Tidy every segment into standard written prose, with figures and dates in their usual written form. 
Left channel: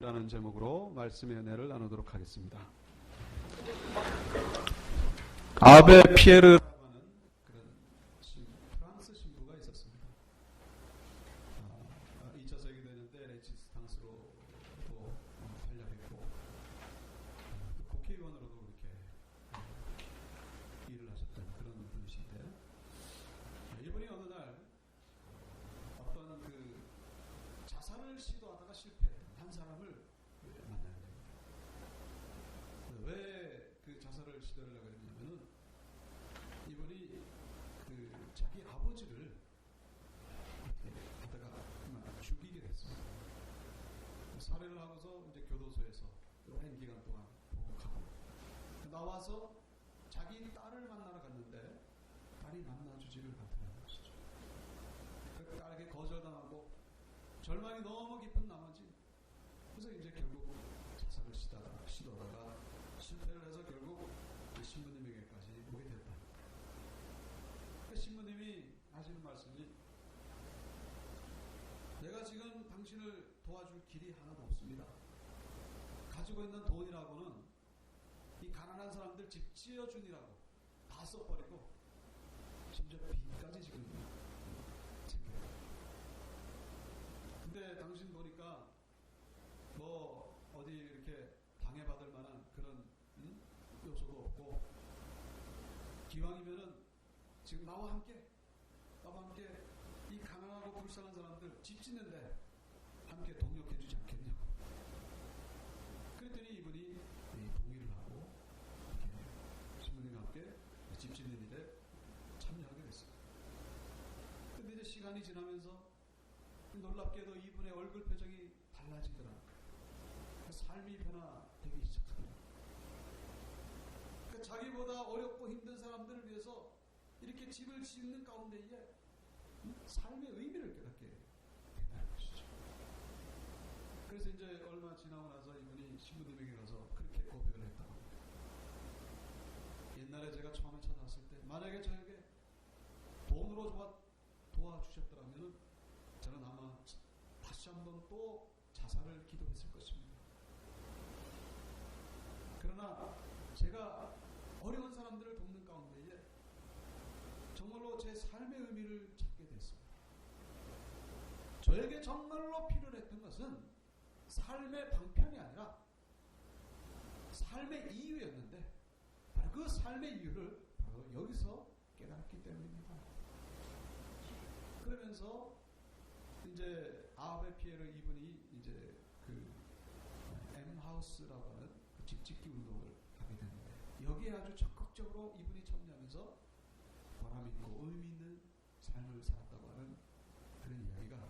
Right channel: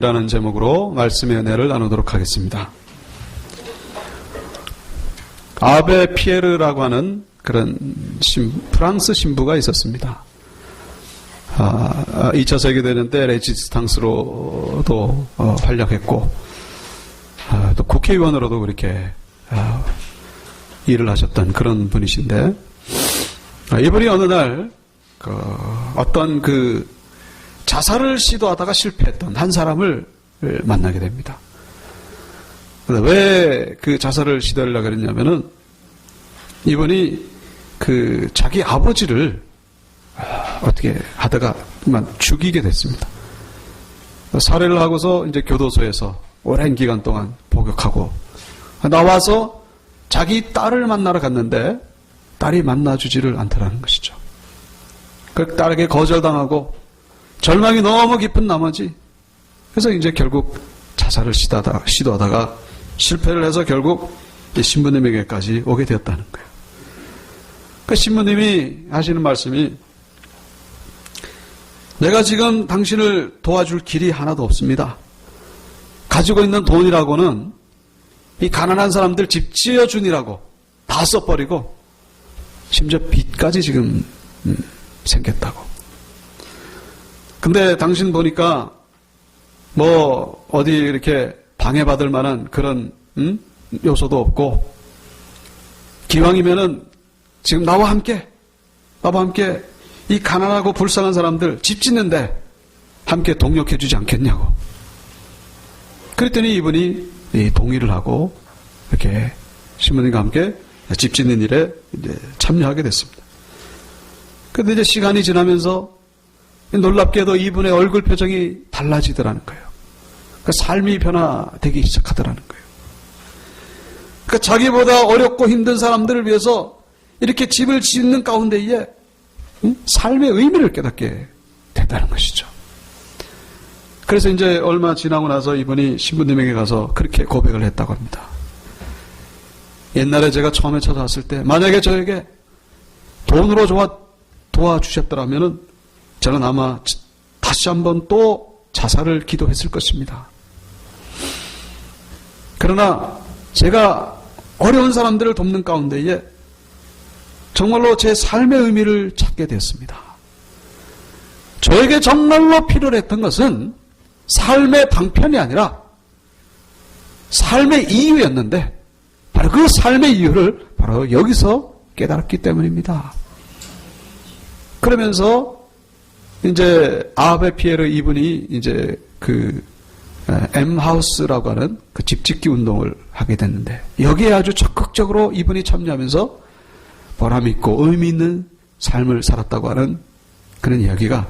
라는 제목으로 말씀의 은혜를 나누도록 하겠습니다. 아베 피에르라고 하는 그런 프랑스 신부가 있었습니다. 2차 세계대전 때 레지스탕스로도 활약했고 또 국회의원으로도 그렇게 일을 하셨던 그런 분이신데, 이분이 어느 날 어떤 자살을 시도하다가 실패했던 한 사람을 만나게 됩니다. 왜 자살을 시도하려고 그랬냐면은 이분이 자기 아버지를 어떻게 하다가 죽이게 됐습니다. 살해를 하고서 이제 교도소에서 오랜 기간 동안 복역하고 나와서 자기 딸을 만나러 갔는데 딸이 만나주지를 않더라는 것이죠. 그 딸에게 거절당하고 절망이 너무 깊은 나머지, 그래서 이제 결국 자살을 시도하다가 실패를 해서 결국 신부님에게까지 오게 되었다는 거예요. 그 신부님이 하시는 말씀이, 내가 지금 당신을 도와줄 길이 하나도 없습니다. 가지고 있는 돈이라고는 이 가난한 사람들 집 지어주니라고 다 써버리고 심지어 빚까지 지금 생겼다고. 근데 당신 보니까 어디 이렇게 방해받을 만한 그런 요소도 없고, 기왕이면은 지금 나와 함께 이 가난하고 불쌍한 사람들 집 짓는데 함께 동력해주지 않겠냐고. 그랬더니 이분이 동의를 하고 이렇게 신부님과 함께 집 짓는 일에 이제 참여하게 됐습니다. 근데 이제 시간이 지나면서 놀랍게도 이분의 얼굴 표정이 달라지더라는 거예요. 삶이 변화되기 시작하더라는 거예요. 자기보다 어렵고 힘든 사람들을 위해서 이렇게 집을 짓는 가운데에 삶의 의미를 깨닫게 됐다는 것이죠. 그래서 이제 얼마 지나고 나서 이분이 신부님에게 가서 그렇게 고백을 했다고 합니다. 옛날에 제가 처음에 찾아왔을 때 만약에 저에게 돈으로 도와주셨더라면은 저는 아마 다시 한번 또 자살을 기도했을 것입니다. 그러나 제가 어려운 사람들을 돕는 가운데에 정말로 제 삶의 의미를 찾게 되었습니다. 저에게 정말로 필요로 했던 것은 삶의 방편이 아니라 삶의 이유였는데, 바로 그 삶의 이유를 바로 여기서 깨달았기 때문입니다. 그러면서 이제 아베 피에르 이분이 이제 M하우스라고 하는 집 짓기 운동을 하게 됐는데, 여기에 아주 적극적으로 이분이 참여하면서 보람 있고 의미 있는 삶을 살았다고 하는 그런 이야기가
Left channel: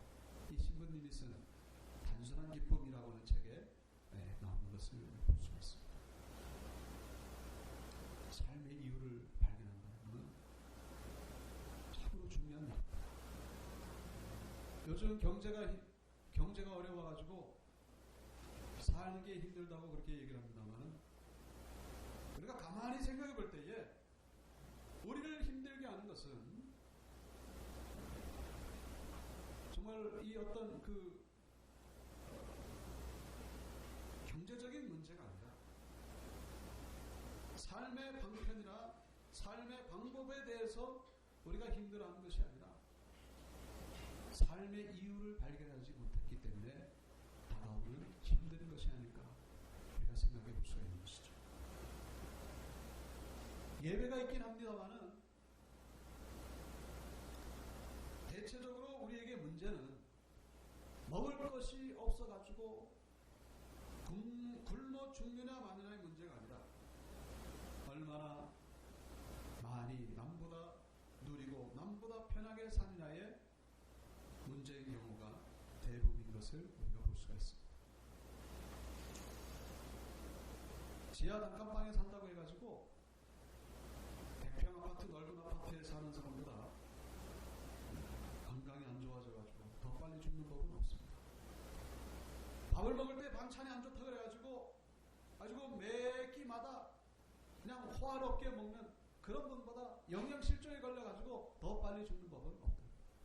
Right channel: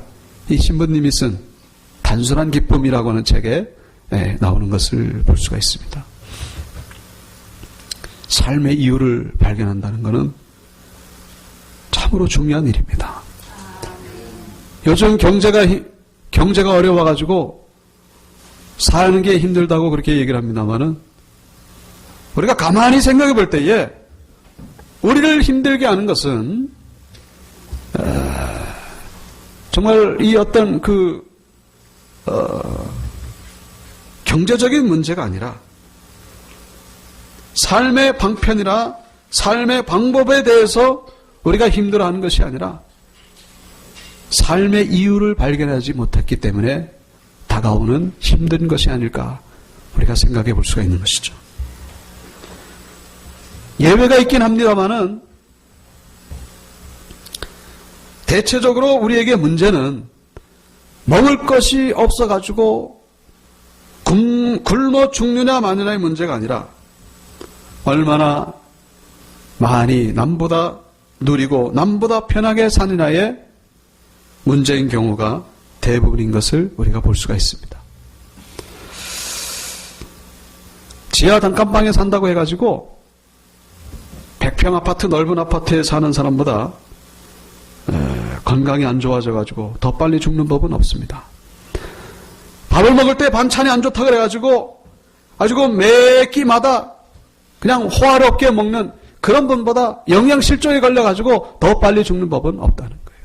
이 신부님이 쓴 단순한 기쁨이라고 하는 책에 나오는 것을 볼 수가 있습니다. 삶의 이유를 발견한다는 것은 참으로 중요한 일입니다. 요즘 경제가 어려워가지고 사는 게 힘들다고 그렇게 얘기를 합니다만은, 우리가 가만히 생각해 볼 때에 우리를 힘들게 하는 것은 정말 이 어떤 경제적인 문제가 아니라 삶의 방편이나 삶의 방법에 대해서 우리가 힘들어하는 것이 아니라 삶의 이유를 발견하지 못했기 때문에 다가오는 힘든 것이 아닐까 우리가 생각해 볼 수가 있는 것이죠. 예외가 있긴 합니다만은 대체적으로 우리에게 문제는 먹을 것이 없어가지고 굶어 죽느냐 마느냐의 문제가 아니라 얼마나 많이 남보다 누리고 남보다 편하게 사느냐의 문제인 경우가 대부분인 것을 우리가 볼 수가 있습니다. 지하 단칸방에 산다고 해가지고 100평 아파트, 넓은 아파트에 사는 사람보다 건강이 안 좋아져가지고 더 빨리 죽는 법은 없습니다. 밥을 먹을 때 반찬이 안 좋다 그래가지고 아주 매 끼마다 그냥 호화롭게 먹는 그런 분보다 영양실조에 걸려가지고 더 빨리 죽는 법은 없다는 거예요.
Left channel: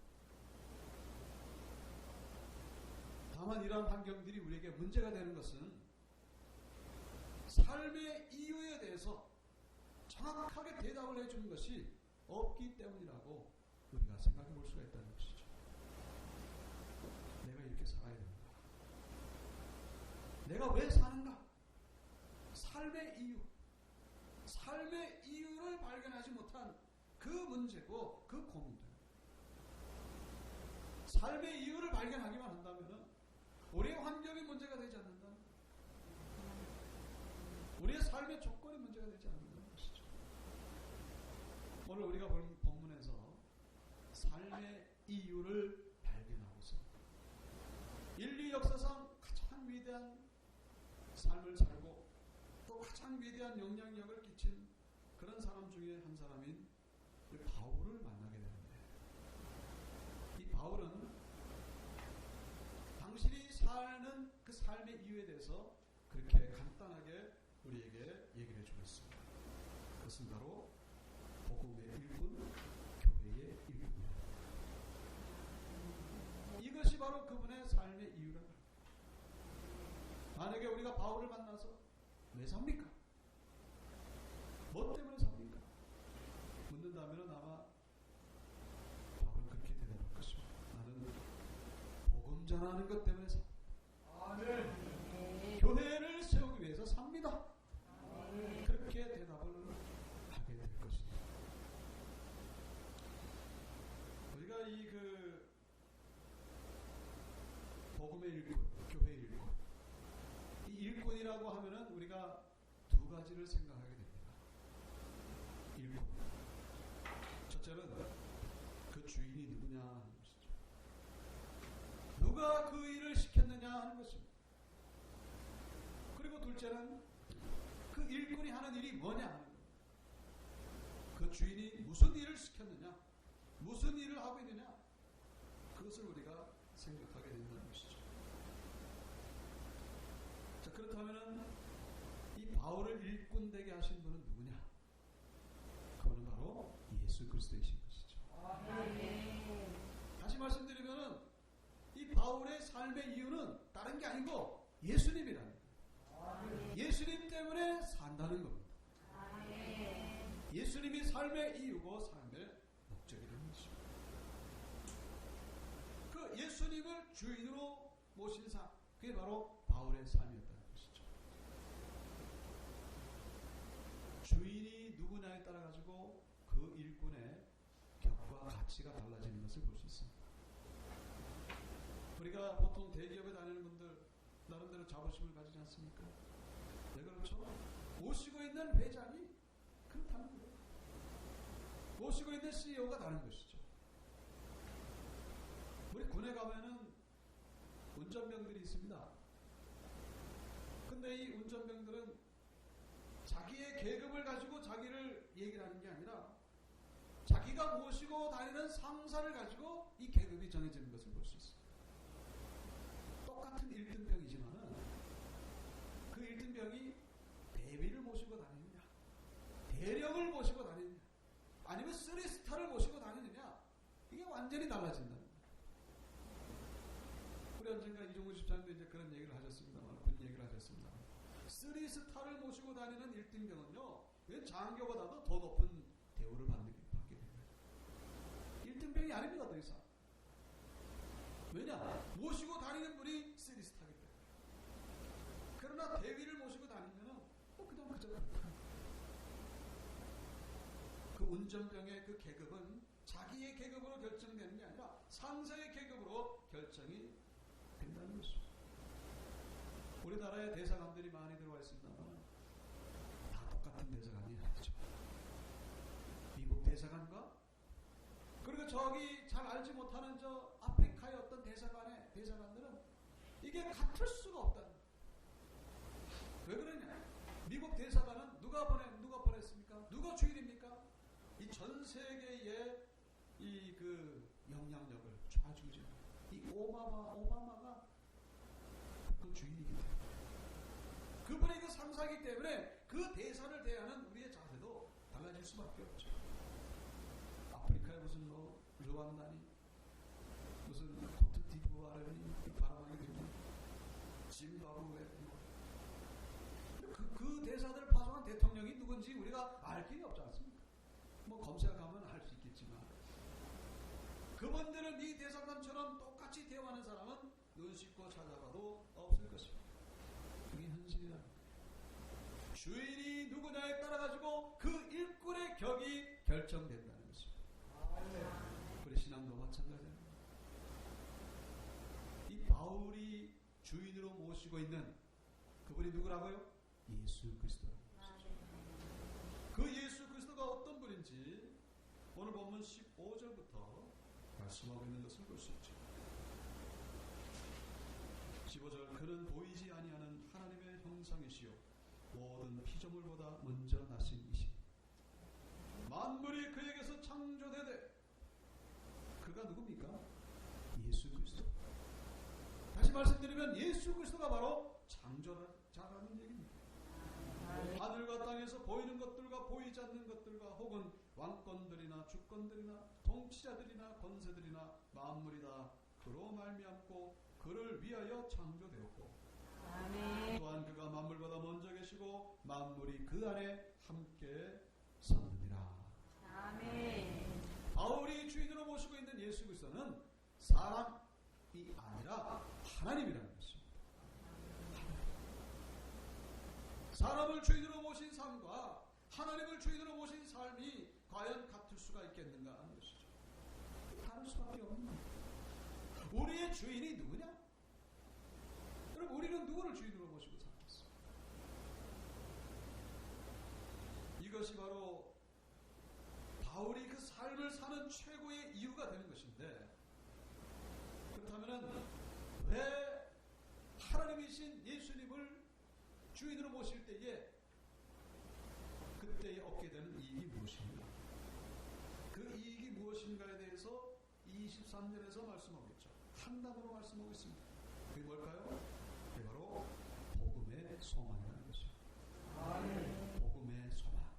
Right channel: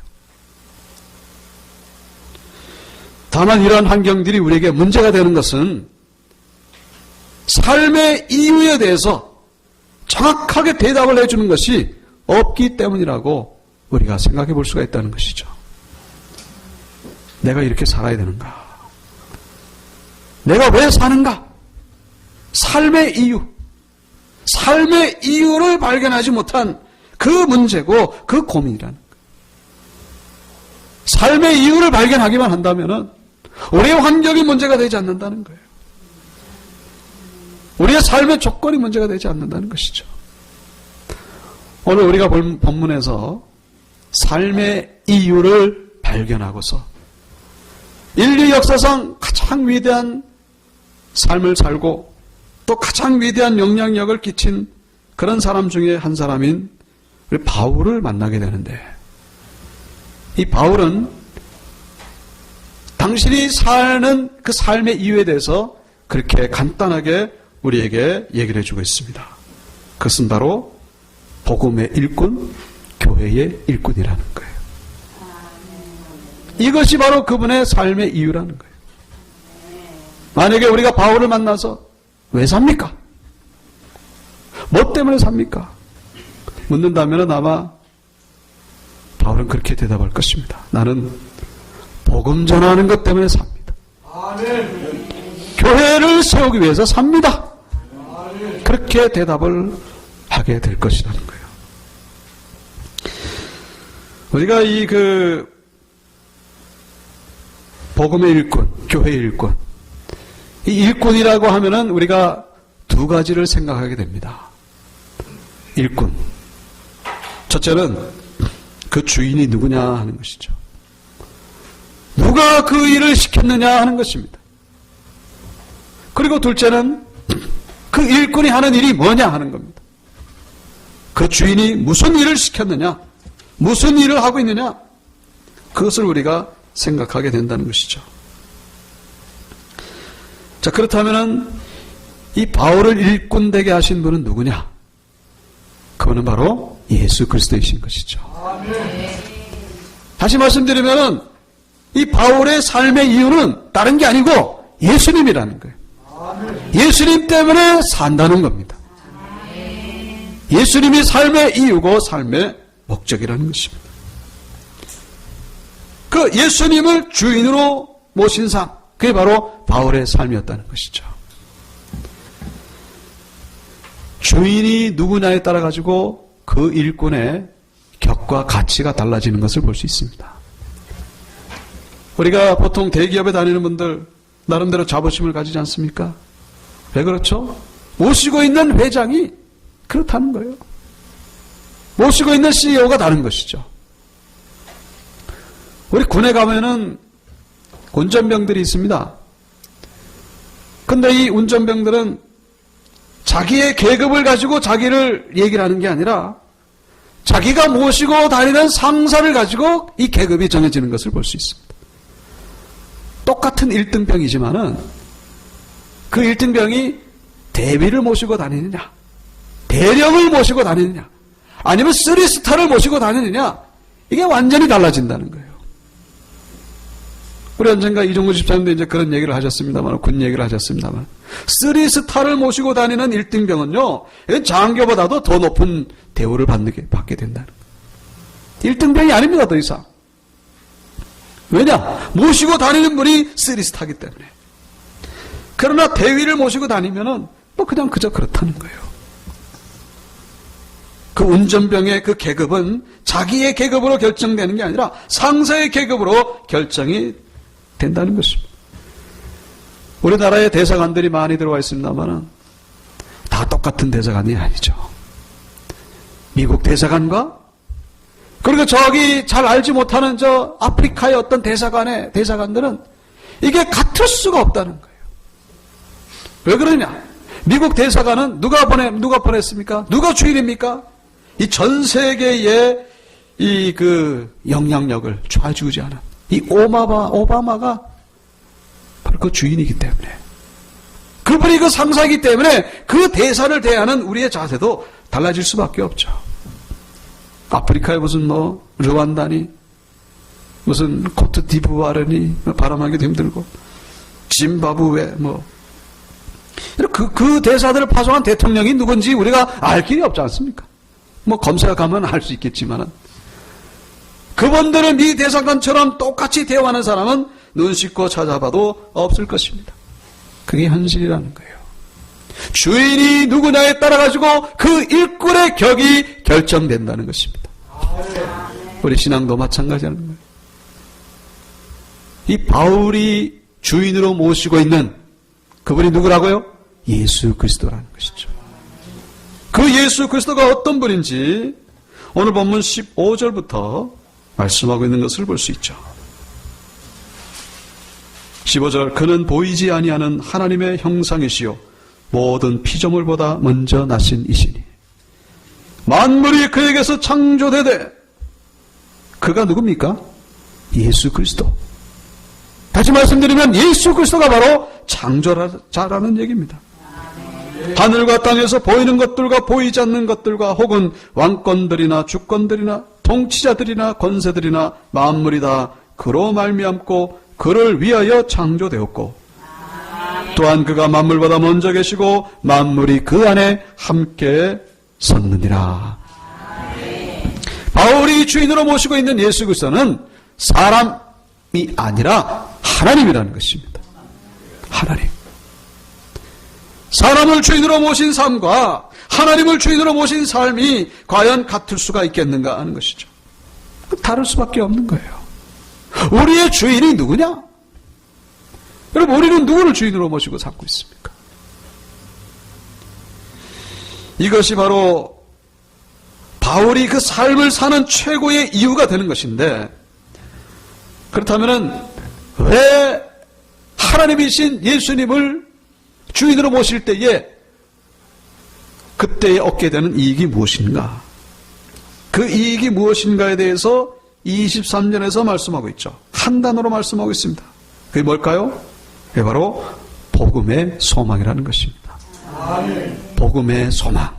다만 이러한 환경들이 우리에게 문제가 되는 것은 삶의 이유에 대해서 정확하게 대답을 해주는 것이 없기 때문이라고 우리가 생각해 볼 수가 있다는 것이죠. 내가 이렇게 살아야 되는가? 내가 왜 사는가? 삶의 이유를 발견하지 못한 그 문제고 그 고민이라는 거예요. 삶의 이유를 발견하기만 한다면 우리의 환경이 문제가 되지 않는다는 거예요. 우리의 삶의 조건이 문제가 되지 않는다는 것이죠. 오늘 우리가 본 본문에서 삶의 이유를 발견하고서 인류 역사상 가장 위대한 삶을 살고 또 가장 위대한 영향력을 끼친 그런 사람 중에 한 사람인 우리 바울을 만나게 되는데, 이 바울은 당신이 사는 그 삶의 이유에 대해서 그렇게 간단하게 우리에게 얘기를 해주고 있습니다. 그것은 바로 복음의 일꾼, 교회의 일꾼이라는 거예요. 이것이 바로 그분의 삶의 이유라는 거예요. 만약에 우리가 바울을 만나서 왜 삽니까? 뭐 때문에 삽니까? 묻는다면 아마 바울은 그렇게 대답할 것입니다. 나는 복음 전하는 것 때문에 삽니다. 교회를 세우기 위해서 삽니다. 그렇게 대답을 하게 될 것이라는 거예요. 우리가 이 복음의 일꾼, 교회의 일꾼, 이 일꾼이라고 하면은 우리가 두 가지를 생각하게 됩니다. 일꾼. 첫째는 그 주인이 누구냐 하는 것이죠. 누가 그 일을 시켰느냐 하는 것입니다. 그리고 둘째는 그 일꾼이 하는 일이 뭐냐 하는 겁니다. 그 주인이 무슨 일을 시켰느냐, 무슨 일을 하고 있느냐, 그것을 우리가 생각하게 된다는 것이죠. 자, 그렇다면 이 바울을 일꾼 되게 하신 분은 누구냐? 그분은 바로 예수 그리스도이신 것이죠. 다시 말씀드리면 이 바울의 삶의 이유는 다른 게 아니고 예수님이라는 거예요. 예수님 때문에 산다는 겁니다. 예수님이 삶의 이유고 삶의 목적이라는 것입니다. 그 예수님을 주인으로 모신 삶, 그게 바로 바울의 삶이었다는 것이죠. 주인이 누구냐에 따라 가지고 그 일꾼의 격과 가치가 달라지는 것을 볼 수 있습니다. 우리가 보통 대기업에 다니는 분들 나름대로 자부심을 가지지 않습니까? 왜 그렇죠? 모시고 있는 회장이 그렇다는 거예요. 모시고 있는 CEO가 다른 것이죠. 우리 군에 가면은 운전병들이 있습니다. 근데 이 운전병들은 자기의 계급을 가지고 자기를 얘기를 하는 게 아니라 자기가 모시고 다니는 상사를 가지고 이 계급이 정해지는 것을 볼 수 있습니다. 똑같은 1등병이지만은 그 1등병이 대위를 모시고 다니느냐, 대령을 모시고 다니느냐, 아니면 3스타를 모시고 다니느냐, 이게 완전히 달라진다는 거예요. 우리 언젠가 이종구 집사님도 이제 그런 얘기를 하셨습니다만, 군 얘기를 하셨습니다만, 3스타를 모시고 다니는 1등병은요, 장교보다도 더 높은 대우를 받게 된다는 거예요. 1등병이 아닙니다, 더 이상. 왜냐? 모시고 다니는 분이 3스타이기 때문에. 그러나 대위를 모시고 다니면은 뭐 그냥 그저 그렇다는 거예요. 그 운전병의 그 계급은 자기의 계급으로 결정되는 게 아니라 상사의 계급으로 결정이 된다는 것입니다. 우리나라에 대사관들이 많이 들어와 있습니다만 다 똑같은 대사관이 아니죠. 미국 대사관과 그리고 저기 잘 알지 못하는 저 아프리카의 어떤 대사관들은 이게 같을 수가 없다는 거예요. 왜 그러냐? 미국 대사관은 누가 보냈습니까? 누가 주인입니까? 이 전 세계의 이 영향력을 좌지우지하는 이 오바마가 바로 그 주인이기 때문에, 그분이 그 상사이기 때문에 그 대사를 대하는 우리의 자세도 달라질 수밖에 없죠. 아프리카에 무슨 르완다니, 무슨 코트 디부아르니 발음하기도 힘들고 짐바브웨 그 대사들을 파송한 대통령이 누군지 우리가 알 길이 없지 않습니까? 검색하면 알 수 있겠지만은 그분들은 미 대사관처럼 똑같이 대화하는 사람은 눈 씻고 찾아봐도 없을 것입니다. 그게 현실이라는 거예요. 주인이 누구냐에 따라 가지고 그 일꾼의 격이 결정된다는 것입니다. 우리 신앙도 마찬가지라는 거예요. 이 바울이 주인으로 모시고 있는 그분이 누구라고요? 예수 그리스도라는 것이죠. 그 예수 그리스도가 어떤 분인지 오늘 본문 15절부터 말씀하고 있는 것을 볼 수 있죠. 15절, 그는 보이지 아니하는 하나님의 형상이시요 모든 피조물보다 먼저 나신 이시니 만물이 그에게서 창조되되, 그가 누굽니까? 예수 그리스도. 다시 말씀드리면 예수 그리스도가 바로 창조자라는 얘기입니다. 하늘과 땅에서 보이는 것들과 보이지 않는 것들과 혹은 왕권들이나 주권들이나 통치자들이나 권세들이나 만물이 다 그로 말미암고 그를 위하여 창조되었고, 또한 그가 만물보다 먼저 계시고 만물이 그 안에 함께 섰느니라. 바울이 주인으로 모시고 있는 예수 그리스도는 사람이 아니라 하나님이라는 것입니다. 하나님. 사람을 주인으로 모신 삶과 하나님을 주인으로 모신 삶이 과연 같을 수가 있겠는가 하는 것이죠. 다를 수밖에 없는 거예요. 우리의 주인이 누구냐? 여러분, 우리는 누구를 주인으로 모시고 살고 있습니까? 이것이 바로 바울이 그 삶을 사는 최고의 이유가 되는 것인데, 그렇다면 왜 하나님이신 예수님을 주인으로 모실 때에 그때에 얻게 되는 이익이 무엇인가? 그 이익이 무엇인가에 대해서 23절에서 말씀하고 있죠. 한 단어로 말씀하고 있습니다. 그게 뭘까요? 그게 바로 복음의 소망이라는 것입니다. 복음의 소망.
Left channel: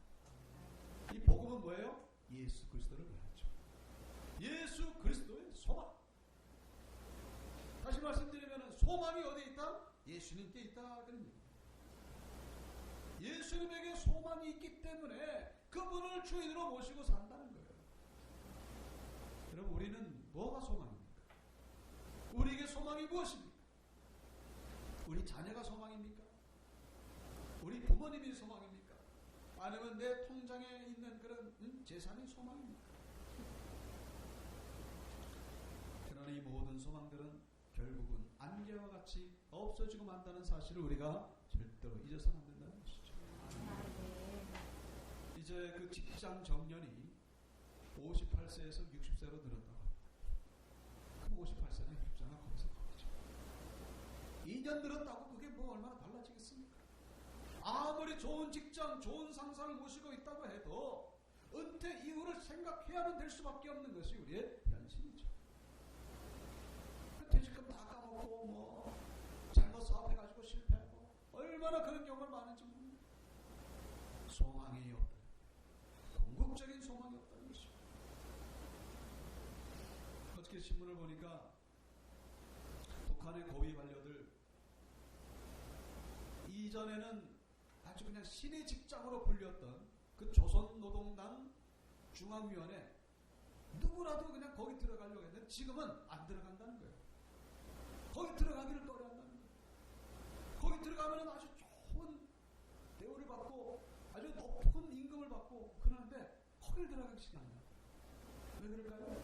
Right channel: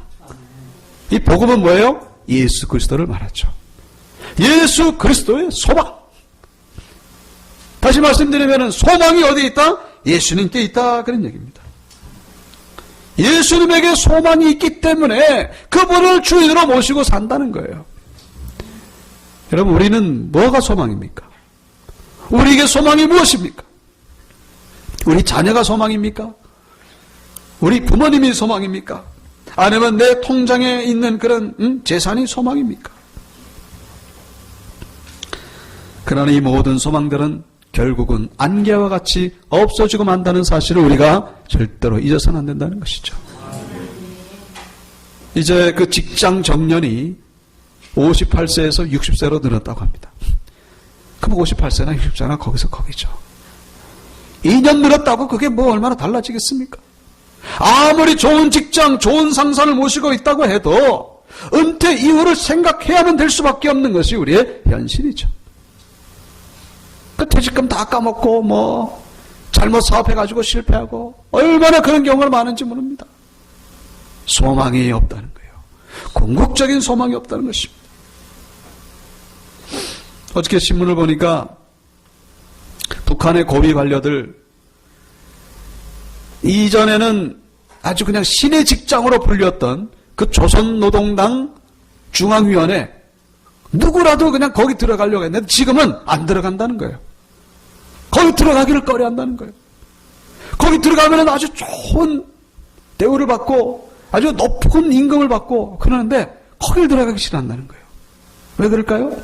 이 복음은 뭐예요? 예수 그리스도를 말하죠. 예수 그리스도의 소망. 다시 말씀드리면 소망이 어디에 있다? 예수님께 있다, 그런 얘기입니다. 예수님에게 소망이 있기 때문에 그분을 주인으로 모시고 산다는 거예요. 여러분, 우리는 뭐가 소망입니까? 우리에게 소망이 무엇입니까? 우리 자녀가 소망입니까? 우리 부모님이 소망입니까? 아니면 내 통장에 있는 그런 재산이 소망입니까? 그러나 이 모든 소망들은 결국은 안개와 같이 없어지고 만다는 사실을 우리가 절대로 잊어서는 안 된다는 것이죠. 이제 그 직장 정년이 58세에서 60세로 늘었다고 합니다. 그럼 58세나 60세나 거기서 거기죠. 2년 늘었다고 그게 뭐 얼마나 달라지겠습니까? 아무리 좋은 직장, 좋은 상사를 모시고 있다고 해도 은퇴 이후를 생각해야만 될 수밖에 없는 것이 우리의 현실이죠. 그 퇴직금 다 까먹고 잘못 사업해가지고 실패하고 얼마나 그런 경우가 많은지 모릅니다. 소망이 없다는 거예요. 궁극적인 소망이 없다는 것입니다. 어저께 신문을 보니까 북한의 고위 관료들, 이전에는 아주 그냥 신의 직장으로 불렸던 그 조선노동당 중앙위원회, 누구라도 그냥 거기 들어가려고 했는데 지금은 안 들어간다는 거예요. 거기 들어가기를 꺼려한다는 거예요. 거기 들어가면 아주 좋은 대우를 받고 아주 높은 임금을 받고 그러는데 거기를 들어가기 싫어한다는 거예요. 왜 그럴까요?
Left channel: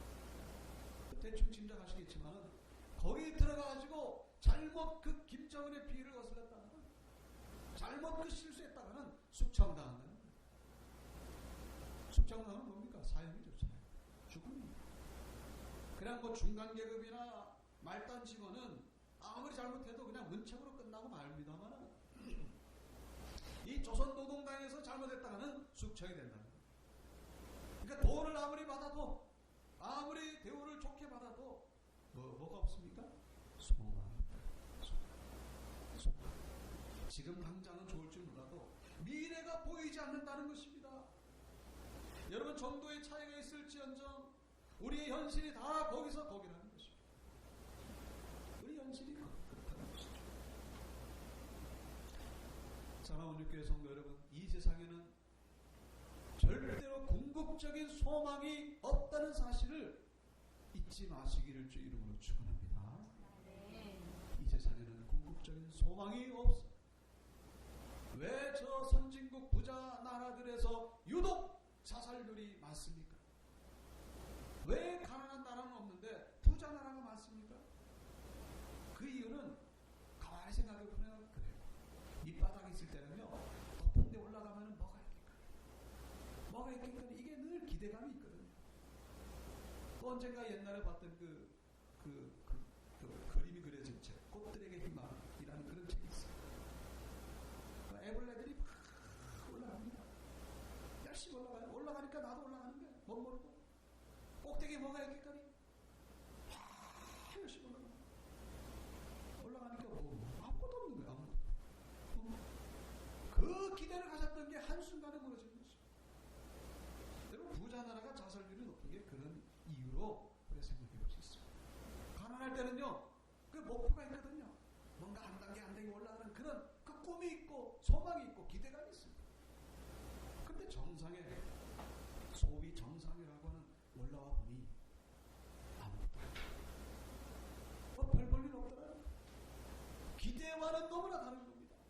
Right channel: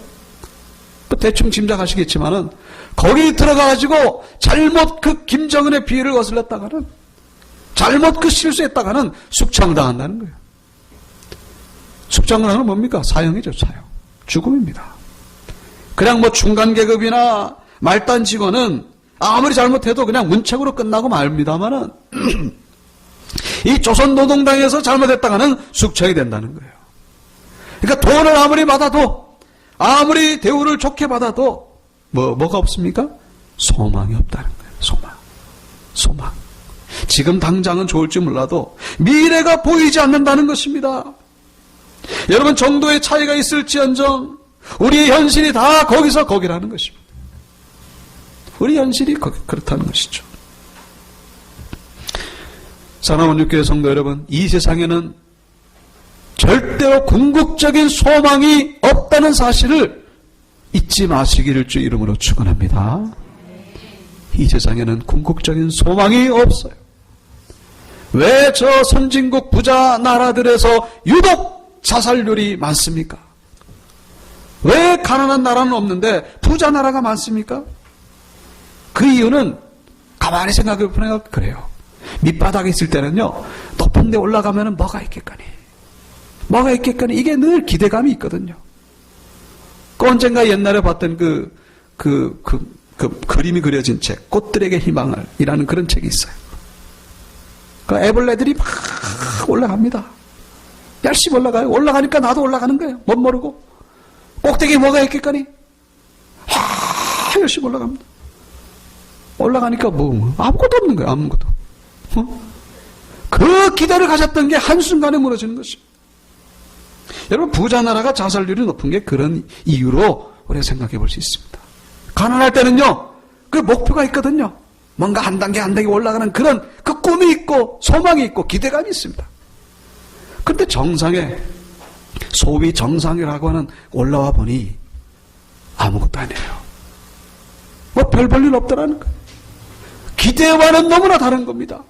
대충 짐작하시겠지만은 거기 들어가가지고 잘못 그 김정은의 비위를 거슬렸다가는, 잘못 그 실수했다가는 숙청당한다는 거예요. 숙청당하는 뭡니까? 사형이죠, 사형. 죽음입니다. 그냥 중간 계급이나 말단 직원은 아무리 잘못해도 그냥 문책으로 끝나고 말입니다만은 이 조선노동당에서 잘못했다가는 숙청이 된다는 거예요. 그러니까 돈을 아무리 받아도, 아무리 대우를 좋게 받아도 뭐가 없습니까? 소망이 없다는 거예요. 소망. 지금 당장은 좋을지 몰라도 미래가 보이지 않는다는 것입니다. 여러분, 정도의 차이가 있을지언정 우리의 현실이 다 거기서 거기라는 것입니다. 우리 현실이 그렇다는 것이죠. 사랑하는 육교회 성도 여러분, 이 세상에는 절대로 궁극적인 소망이 없다는 사실을 잊지 마시기를 주 이름으로 축원합니다. 이 세상에는 궁극적인 소망이 없어요. 왜 저 선진국 부자 나라들에서 유독 자살률이 많습니까? 왜 가난한 나라는 없는데 부자 나라가 많습니까? 그 이유는 가만히 생각해 보면 그래요. 밑바닥에 있을 때는요, 높은 데 올라가면 뭐가 있겠거니? 뭐가 있겠거니? 이게 늘 기대감이 있거든요. 그 언젠가 옛날에 봤던 그 그림이 그려진 책, 꽃들에게 희망을 이라는 그런 책이 있어요. 그 애벌레들이 막 올라갑니다. 열심히 올라가요. 올라가니까 나도 올라가는 거예요. 못 모르고. 꼭대기에 뭐가 있겠거니? 열심히 올라갑니다. 올라가니까 아무것도 없는 거예요. 아무것도. 그 기대를 가졌던 게 한순간에 무너지는 것입니다. 여러분, 부자 나라가 자살률이 높은 게 그런 이유로 우리가 생각해 볼 수 있습니다. 가난할 때는요, 그 목표가 있거든요. 뭔가 한 단계 한 단계 올라가는 그런 그 꿈이 있고 소망이 있고 기대감이 있습니다. 그런데 정상에, 소위 정상이라고 하는 올라와 보니 아무것도 아니에요. 뭐 별 볼 일 없더라는 거예요. 기대와는 너무나 다른 겁니다.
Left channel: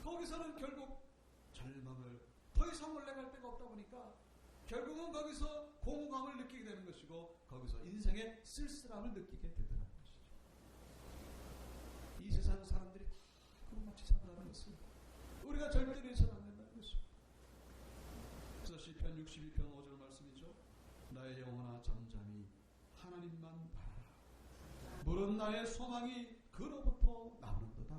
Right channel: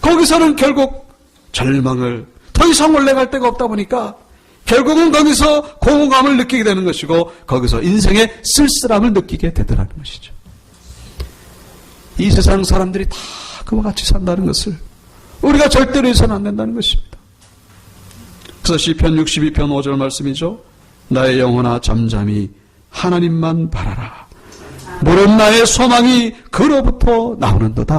거기서는 결국 절망을, 더 이상 올라갈 데가 없다 보니까 결국은 거기서 공허감을 느끼게 되는 것이고, 거기서 인생의 쓸쓸함을 느끼게 되더라는 것이죠. 이 세상 사람들이 다 그와 같이 산다는 것을 우리가 절대로 해서는 안 된다는 것입니다. 그래서 시편 62편 5절 말씀이죠. 나의 영혼아 잠잠히 하나님만 바라라. 물은 나의 소망이 그로부터 나오는도다.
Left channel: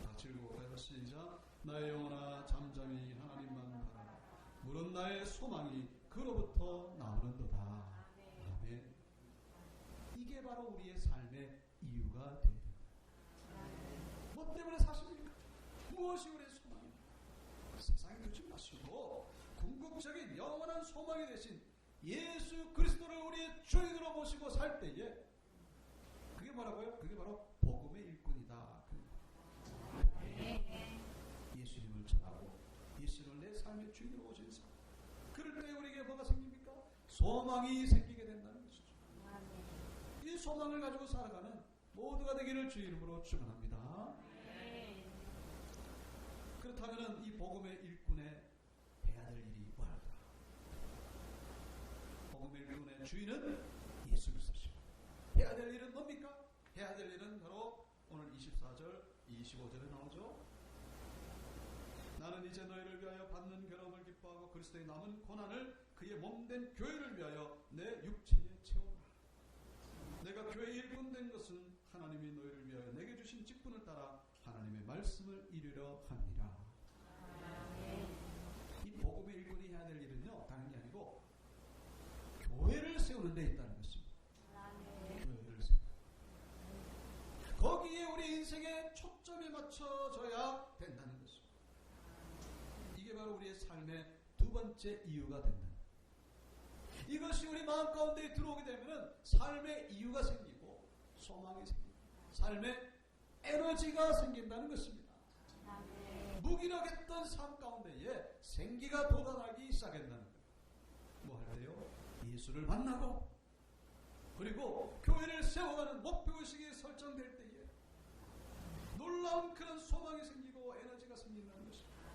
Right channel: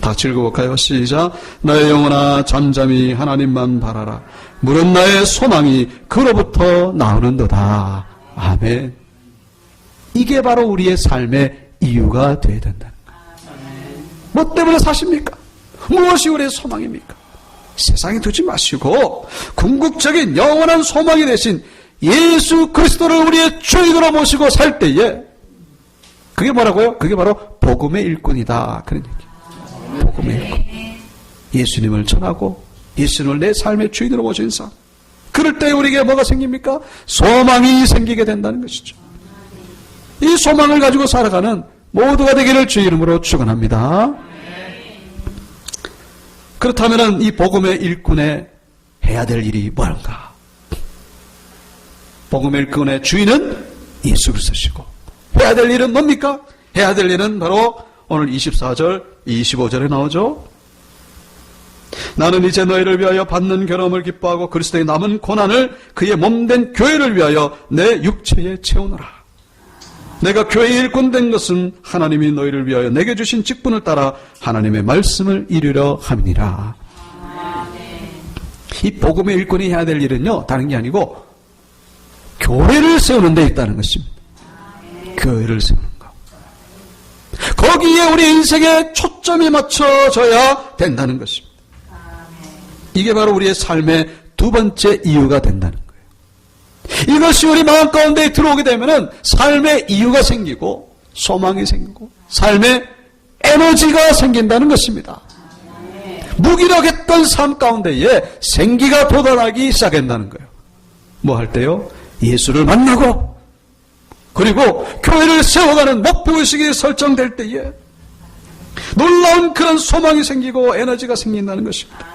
다 같이 읽어볼까요? 시작. 나의 영혼아 잠잠히 하나님만 바라라. 물은 나의 소망이 그로부터 나오는도다. 아멘. 이게 바로 우리의 삶의 이유가 되어야 된다는 거예요. 뭐 때문에 사십니까? 무엇이 우리의 소망입니까? 세상에 두지 마시고 궁극적인 영원한 소망이 되신 예수 그리스도를 우리의 주인으로 모시고 살 때에, 그게 뭐라고요? 그게 바로 복음의 일꾼이다. 그런 얘기예요. 복음의 일꾼. 예수님을 전하고 예수님을 내 삶의 주인으로 모신 삶. 그럴 때 우리에게 뭐가 생깁니까? 소망이 생기게 된다는 것이죠. 이 소망을 가지고 살아가는 모두가 되기를 주 이름으로 축원합니다. 그렇다면 이 복음의 일꾼의 해야 될 일이 뭔가? 복음의 일꾼의 주인은 예수 그리스도시고, 해야 될 일은 뭡니까? 해야 될 일은 바로 오늘 24절, 25절에 나오죠. 나는 이제 너희를 위하여 받는 괴로움을 기뻐하고 그리스도의 남은 고난을 그의 몸된 교회를 위하여 내 육체에 채우노라. 내가 교회의 일꾼 된 것은 하나님이 너희를 위하여 내게 주신 직분을 따라 하나님의 말씀을 이루려 함이니라. 이 복음의 일꾼이 해야 될 일은요, 다른 게 아니고 교회를 세우는 데 있다는 것입니다. 교회를 세우는 것. 거기에 우리 인생의 초점이 맞춰져야 된다는 것입니다. 이게 바로 우리의 삶의 두 번째 이유가 된다는 거예요. 이것이 우리 마음 가운데 들어오게 되면은 삶의 이유가 생기고 소망이 생기고 삶의 에너지가 생긴다는 것입니다. 무기력했던 삶 가운데에 생기가 돋아나기 시작한다는 거예요. 뭐 할 때요? 예수를 만나고 그리고 교회를 세워가는 목표의식이 설정될 때에 놀라운 그런 소망이 생기고 에너지가 생긴다는 것입니다.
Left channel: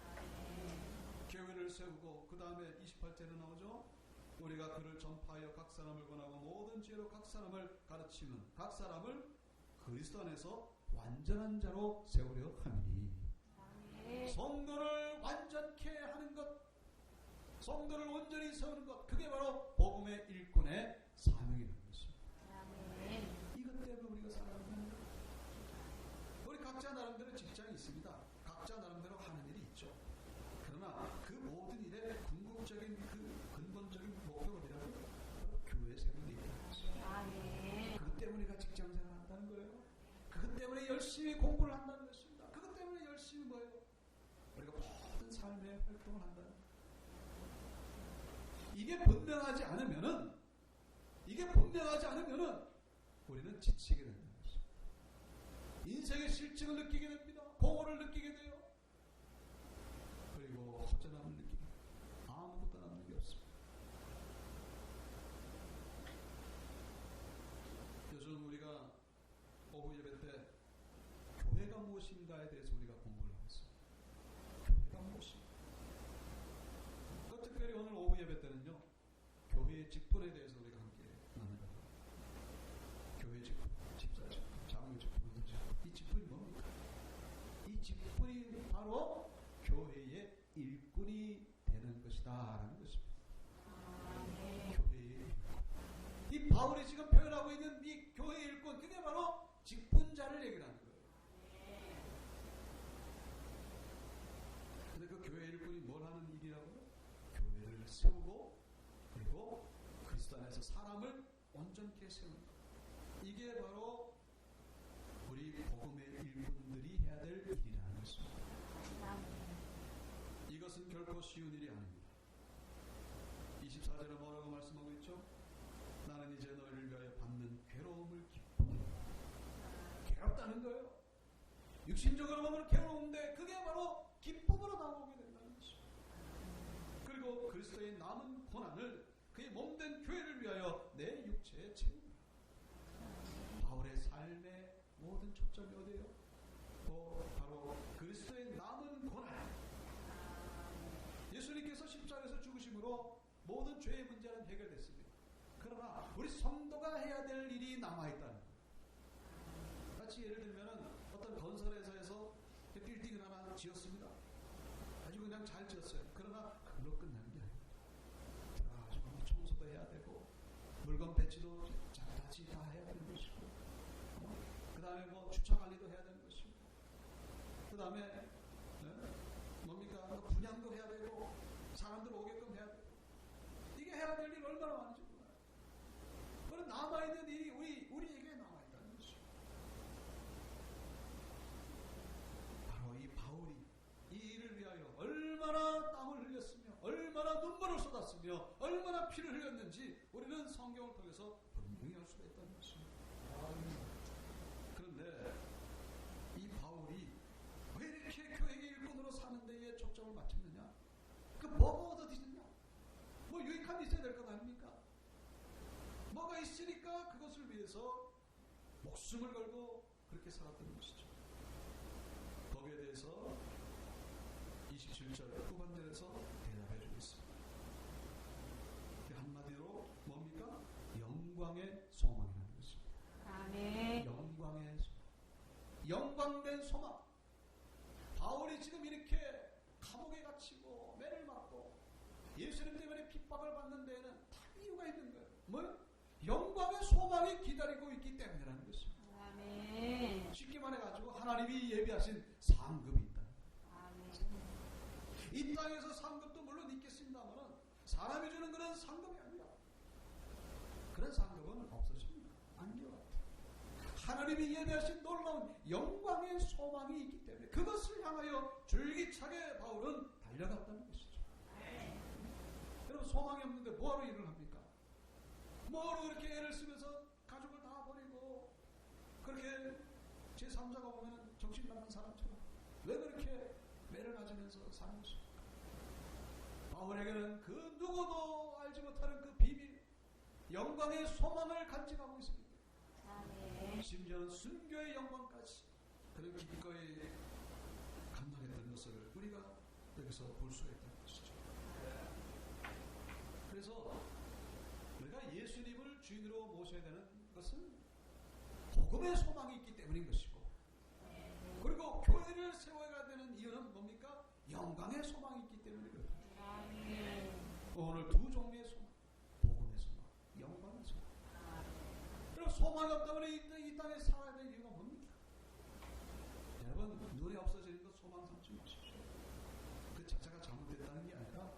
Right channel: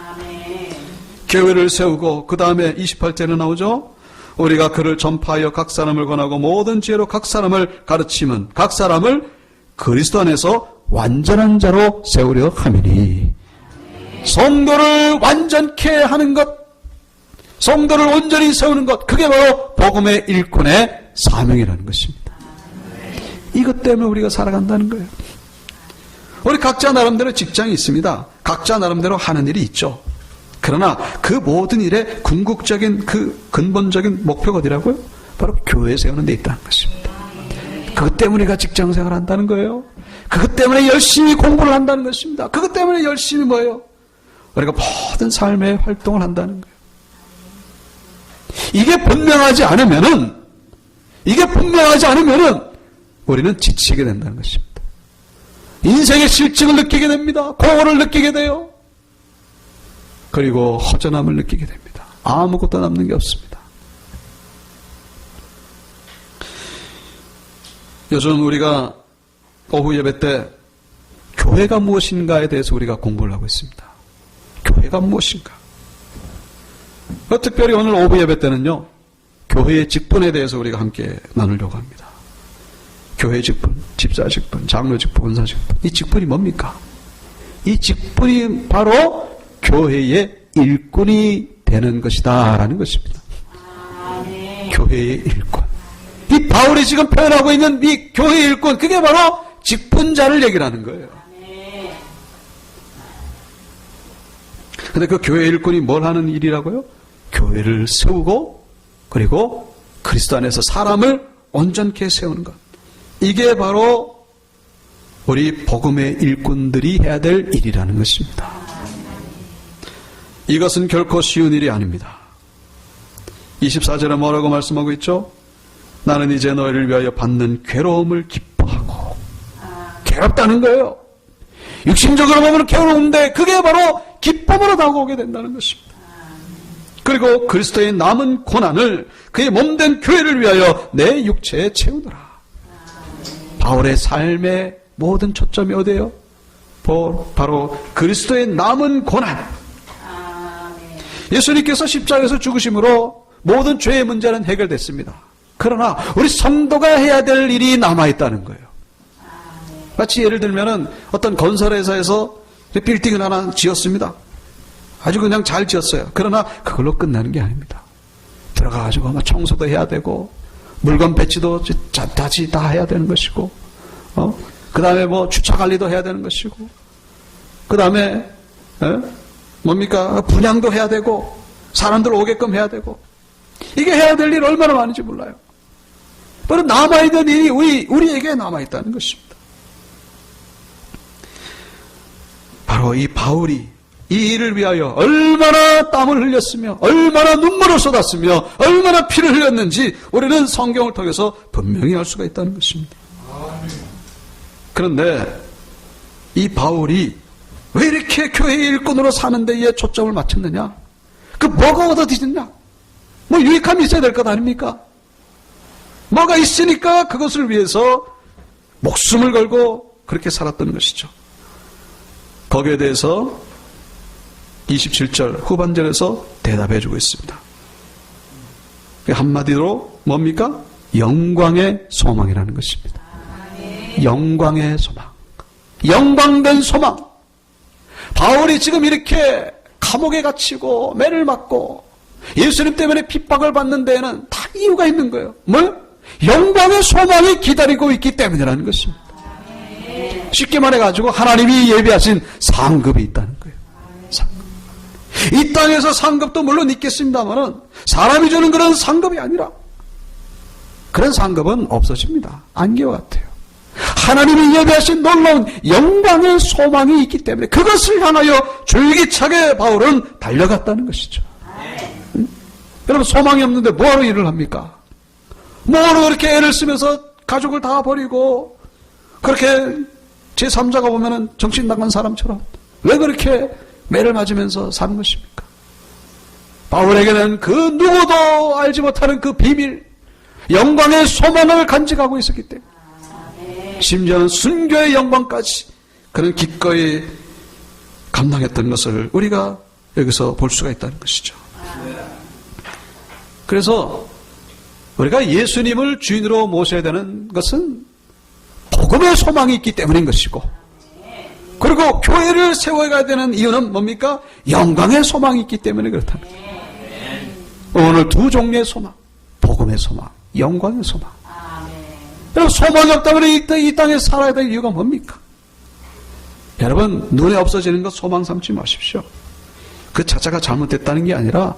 교회를 세우고 그 다음에 28절에 나오죠. 우리가 그를 전파하여 각 사람을 권하고 모든 지혜로 각 사람을 가르치면 각 사람을 그리스도 안에서 완전한 자로 세우려 함이니. 성도를 완전케 하는 것, 성도를 온전히 세우는 것, 그게 바로 복음의 일꾼의 사명이라는 것입니다. 이것 때문에 우리가 살아간다는 거예요. 우리 각자 나름대로 직장이 있습니다. 각자 나름대로 하는 일이 있죠. 그러나 그 모든 일의 궁극적인 그 근본적인 목표가 어디라고요? 바로 교회 세우는 데 있다는 것입니다. 그것 때문에 우리가 직장 생활을 한다는 거예요. 그것 때문에 열심히 공부를 한다는 것입니다. 그것 때문에 열심히 뭐예요? 우리가 모든 삶의 활동을 한다는 거예요. 이게 분명하지 않으면은 우리는 지치게 된다는 것입니다. 인생의 실증을 느끼게 됩니다. 공허를 느끼게 돼요. 그리고 허전함을 느끼게 됩니다. 아무것도 남는 게 없습니다. 요즘 우리가 오후 예배 때 교회가 무엇인가에 대해서 우리가 공부를 하고 있습니다. 교회가 무엇인가? 특별히 오늘 오후 예배 때는요, 교회의 직분에 대해서 우리가 함께 나누려고 합니다. 교회 직분, 집사 직분, 장로 직분, 권사 직분. 이 직분이 뭡니까? 이 직분이 바로 교회의 일꾼이 되는 것이다 라는 것입니다. 교회의 일꾼. 이 바울이 지금 표현하고 있는 이 교회의 일꾼, 그게 바로 직분자를 얘기를 하는 거예요. 근데 그 교회의 일꾼이 뭘 하는 일이라고요? 교회를 세우고 그리고 그리스도 안에서 사람을 온전케 세우는 것. 이게 바로 우리 복음의 일꾼들이 해야 될 일이라는 것입니다. 이것은 결코 쉬운 일이 아닙니다. 24절에 뭐라고 말씀하고 있죠? 나는 이제 너희를 위하여 받는 괴로움을 기뻐하고. 괴롭다는 거예요. 육신적으로 보면 괴로운데 그게 바로 기쁨으로 다가오게 된다는 것입니다. 그리고 그리스도의 남은 고난을 그의 몸된 교회를 위하여 내 육체에 채우노라. 바울의 삶의 모든 초점이 어디예요? 바로 그리스도의 남은 고난. 예수님께서 십자가에서 죽으심으로 모든 죄의 문제는 해결됐습니다. 그러나 우리 성도가 해야 될 일이 남아있다는 거예요. 마치 예를 들면은 어떤 건설회사에서 빌딩을 하나 지었습니다. 아주 그냥 잘 지었어요. 그러나 그걸로 끝나는 게 아닙니다. 들어가가지고 아마 청소도 해야 되고 물건 배치도 다시 다 해야 되는 것이고, 그 다음에 뭐 주차 관리도 해야 되는 것이고, 그 다음에 뭡니까? 분양도 해야 되고, 사람들 오게끔 해야 되고, 이게 해야 될 일이 얼마나 많은지 몰라요. 바로 남아있는 일이 우리에게 남아있다는 것입니다. 바로 이 바울이 이 일을 위하여 얼마나 땀을 흘렸으며 얼마나 눈물을 쏟았으며 얼마나 피를 흘렸는지 우리는 성경을 통해서 분명히 알 수가 있다는 것입니다. 그런데 이 바울이 왜 이렇게 교회의 일꾼으로 사는 데에 초점을 맞췄느냐? 그 뭐가 얻어지느냐? 뭐 유익함이 있어야 될 것 아닙니까? 뭐가 있으니까 그것을 위해서 목숨을 걸고 그렇게 살았던 것이죠. 거기에 대해서 27절 후반절에서 대답해주고 있습니다. 한마디로 뭡니까? 영광의 소망이라는 것입니다. 영광의 소망. 영광된 소망. 바울이 지금 이렇게 감옥에 갇히고 매를 맞고 예수님 때문에 핍박을 받는 데에는 다 이유가 있는 거예요. 뭘? 영광의 소망이 기다리고 있기 때문이라는 것입니다. 쉽게 말해가지고 하나님이 예비하신 상급이 있다는 거예요. 상급. 이 땅에서 상급도 물론 있겠습니다만은 사람이 주는 그런 상급이 아니라 그런 상급은 없어집니다. 안개와 같아요. 하나님이 예비하신 놀라운 영광의 소망이 있기 때문에 그것을 향하여 줄기차게 바울은 달려갔다는 것이죠. 여러분 소망이 없는데 뭐하러 일을 합니까? 뭐하러 그렇게 애를 쓰면서 가족을 다 버리고 그렇게 제3자가 보면은 정신 나간 사람처럼 왜 그렇게 매를 맞으면서 사는 것입니까? 바울에게는 그 누구도 알지 못하는 그 비밀, 영광의 소망을 간직하고 있었기 때문에 심지어는 순교의 영광까지 그는 기꺼이 감당했던 것을 우리가 여기서 볼 수가 있다는 것이죠. 그래서 우리가 예수님을 주인으로 모셔야 되는 것은 복음의 소망이 있기 때문인 것이고, 그리고 교회를 세워가야 되는 이유는 뭡니까? 영광의 소망이 있기 때문에 그렇다는 거예요. 오늘 두 종류의 소망, 복음의 소망, 영광의 소망. 여러분 소망이 없다면 이 땅에 살아야 될 이유가 뭡니까? 여러분 눈에 없어지는 것 소망 삼지 마십시오. 그 자체가 잘못됐다는 게 아니라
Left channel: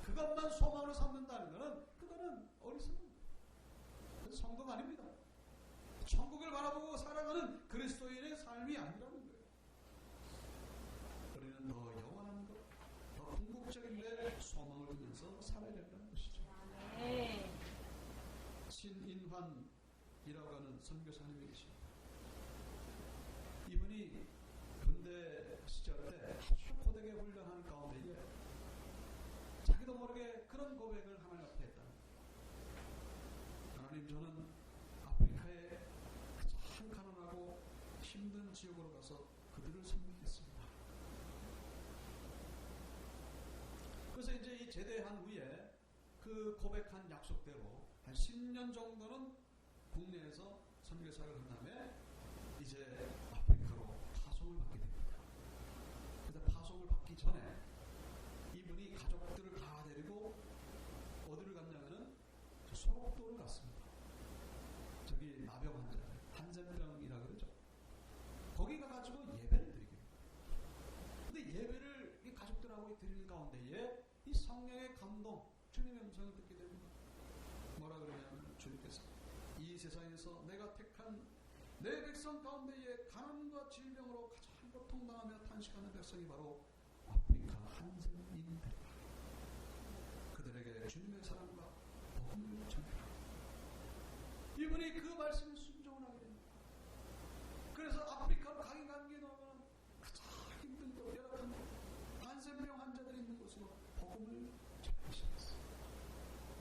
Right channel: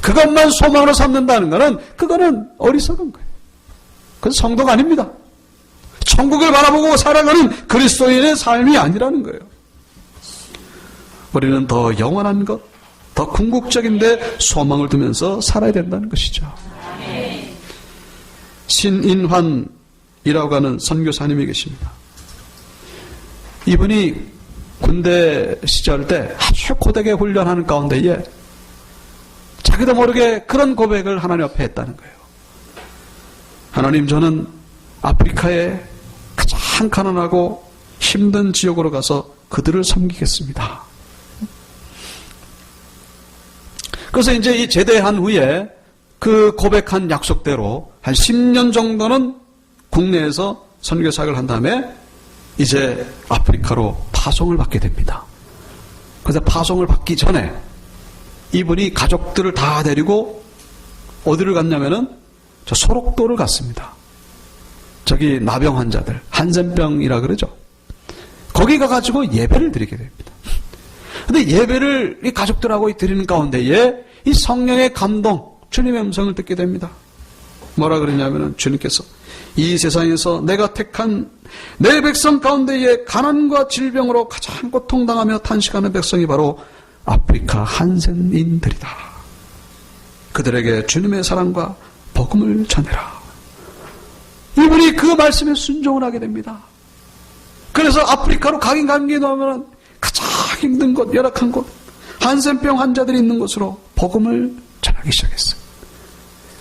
그것만 소망으로 삼는다는 것은 그거는 어리석은 거예요. 그건 성도가 아닙니다. 천국을 바라보고 살아가는 그리스도인의 삶이 아니라는 거예요. 우리는 더 영원한 것, 더 궁극적인데 소망을 두면서 살아야 된다는 것이죠. 신인환 하는 선교사님이 계십니다. 이분이 군대 시절 때 아주 고되게 훈련하는 가운데에 자기도 모르게 그런 고백을 하나님 앞에 했다는 거예요. 하나님, 저는 아프리카의 가장 가난하고 힘든 지역으로 가서 그들을 섬기겠습니다. 그래서 이제 이 제대한 후에 그 고백한 약속대로 한 10년 정도는 국내에서 선교 사역을 한 다음에 이제 아프리카로 파송을 받게 됩니다. 그래서 파송을 받기 전에 이분이 가족들을 다 데리고 어디를 갔냐면은 저 소록도를 갔습니다. 저기 나병 환자들, 한센병이라 그러죠. 거기 가가지고 예배를 드리게 됩니다. 근데 예배를 이 가족들하고 드리는 가운데에 이 성령의 감동, 주님의 음성을 듣게 됩니다. 뭐라 그러냐면은 주님께서 이 세상에서 내가 택한 내 백성 가운데에 가난과 질병으로 가장 고통당하며 탄식하는 백성이 바로 아프리카 한센인들이다. 그들에게 주님의 사랑과 복음을 전해라. 이분이 그 말씀에 순종을 하게 됩니다. 그래서 아프리카로 가긴 가게 되면 가장 힘든 곳, 열악한 곳, 한센병 환자들이 있는 곳으로 복음을 전하기 시작했어요.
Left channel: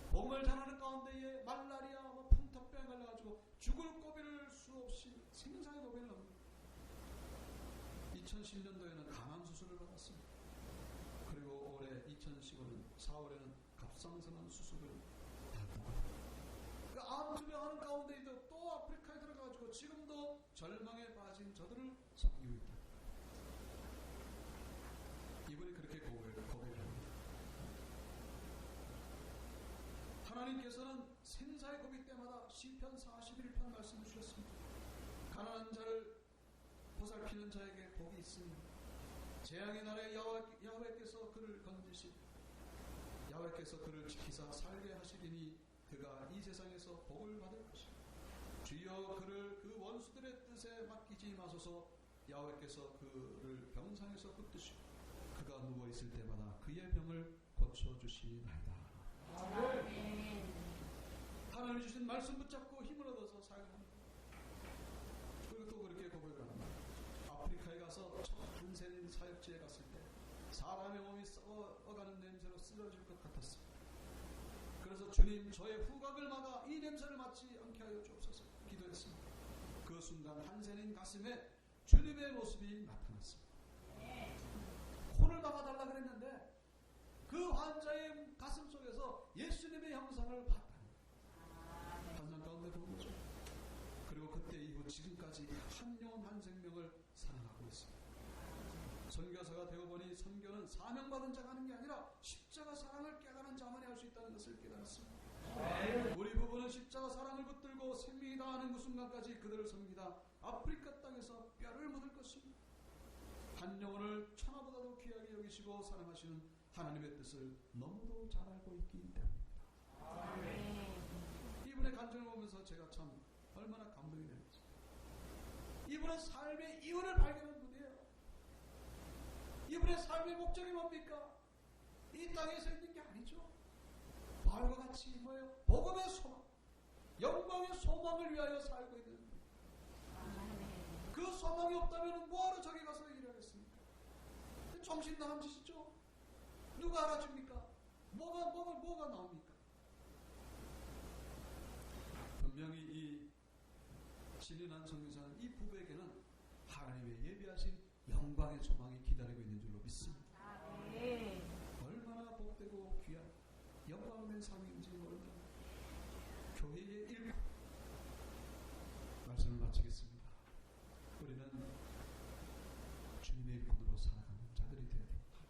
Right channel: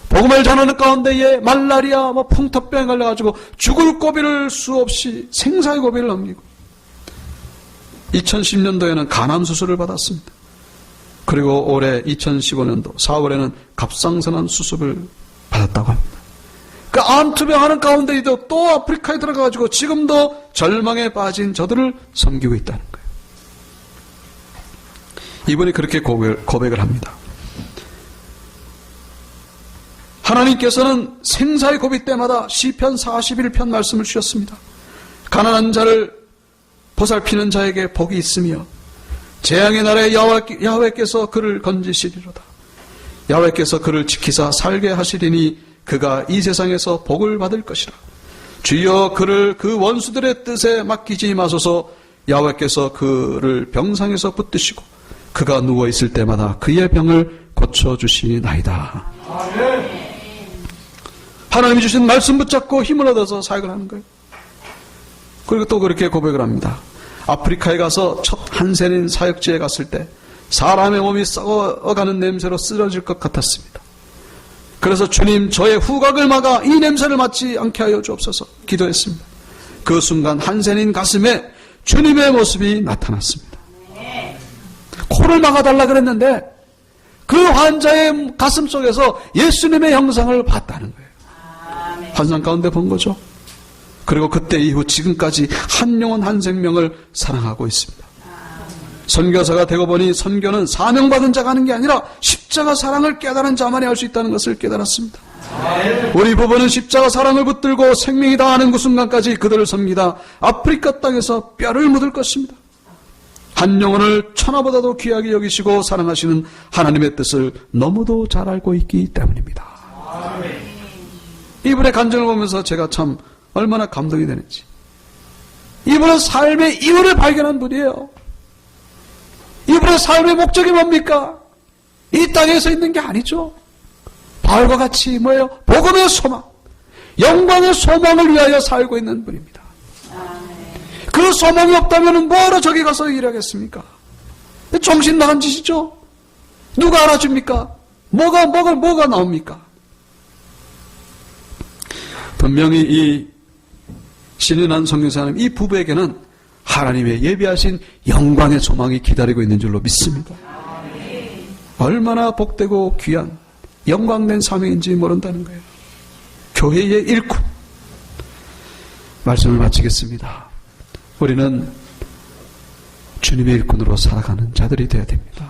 복음을 전하는 가운데에 말라리아, 풍토병에 걸려가지고 죽을 고비를 수없이 생사의 고비를 넘기고 2010년도에는 간암 수술을 받았습니다. 그리고 올해 2015년도 4월에는 갑상선암 수술을 받았다고 합니다. 그 암투병 하는 가운데에도 또 아프리카에 들어가가지고 지금도 절망에 빠진 저들을 섬기고 있다는 거예요. 이분이 그렇게 고백을 합니다. 하나님께서는 생사의 고비 때마다 시편 41편 말씀을 주셨습니다. 가난한 자를 보살피는 자에게 복이 있으며 재앙의 날에 야훼께서 그를 건지시리로다. 야훼께서 그를 지키사 살게 하시리니 그가 이 세상에서 복을 받을 것이라. 주여 그를 그 원수들의 뜻에 맡기지 마소서. 야훼께서 그를 병상에서 붙드시고 그가 누워있을 때마다 그의 병을 고쳐주시나이다. 하나님이 주신 말씀 붙잡고 힘을 얻어서 사역을 하는 거예요. 그리고 또 그렇게 고백을 합니다. 아프리카에 가서 첫 한센인 사역지에 갔을 때 사람의 몸이 썩어가는 냄새로 쓰러질 것 같았습니다. 그래서 주님, 저의 후각을 막아 이 냄새를 맡지 않게 하여 주옵소서 기도했습니다. 그 순간 한센인 가슴에 주님의 모습이 나타났습니다. 코를 막아달라 그랬는데 그 환자의 가슴 속에서 예수님의 형상을 봤다는 거예요. 환상 가운데 본 거죠. 그리고 그때 이후 지금까지 한 영혼 한 생명을 사랑하고 있습니다. 선교사가 되고 보니 선교는 사명받은 자가 하는 게 아니라 십자가 사랑을 깨달은 자만이 할 수 있다는 것을 깨달았습니다. 우리 부부는 십자가 사랑을 붙들고 생명이 다하는 그 순간까지 그들을 섬기다 아프리카 땅에서 뼈를 묻을 것입니다. 한 영혼을 천하보다도 귀하게 여기시고 사랑하시는 하나님의 뜻을 너무도 잘 알고 있기 때문입니다. 이분의 간증을 보면서 제가 참 얼마나 감동이 되는지. 이분은 삶의 이유를 발견한 분이에요. 이분의 삶의 목적이 뭡니까? 이 땅에서 있는 게 아니죠. 바울과 같이 뭐예요? 복음의 소망, 영광의 소망을 위하여 살고 있는 분입니다. 그 소망이 없다면 뭐하러 저기 가서 일하겠습니까? 정신 나간 짓이죠. 누가 알아줍니까? 뭐가 나옵니까? 분명히 이 신인한 선교사님, 이 부부에게는 하나님의 예비하신 영광의 소망이 기다리고 있는 줄로 믿습니다. 얼마나 복되고 귀한 영광된 사명인지 모른다는 거예요. 교회의 일꾼. 말씀을 마치겠습니다. 우리는 주님의 일꾼으로 살아가는 자들이 되어야 됩니다.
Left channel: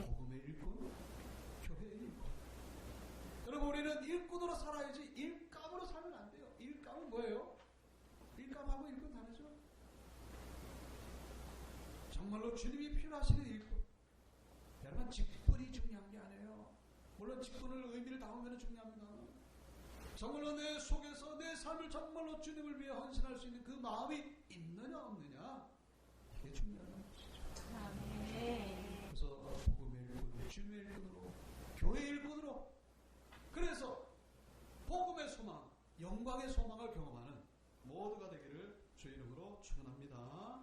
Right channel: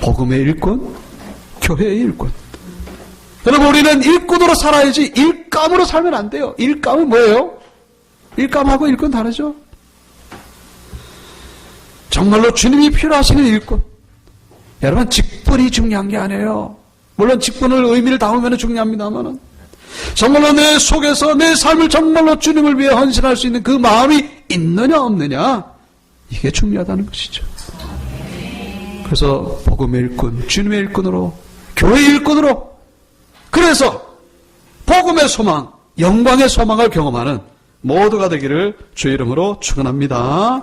복음의 일꾼, 교회의 일꾼. 여러분, 우리는 일꾼으로 살아야지 일감으로 살면 안 돼요. 일감은 뭐예요? 일감하고 일꾼 다르죠? 정말로 주님이 필요하시는 일꾼. 여러분, 직분이 중요한 게 아니에요. 물론 직분을 의미를 담으면 중요합니다만 정말로 내 속에서 내 삶을 정말로 주님을 위해 헌신할 수 있는 그 마음이 있느냐 없느냐, 이게 중요하다는 것이죠. 그래서 복음의 일꾼, 주님의 일꾼으로, 교회의 일꾼으로, 그래서 복음의 소망, 영광의 소망을 경험하는 모두가 되기를 주의 이름으로 축원합니다.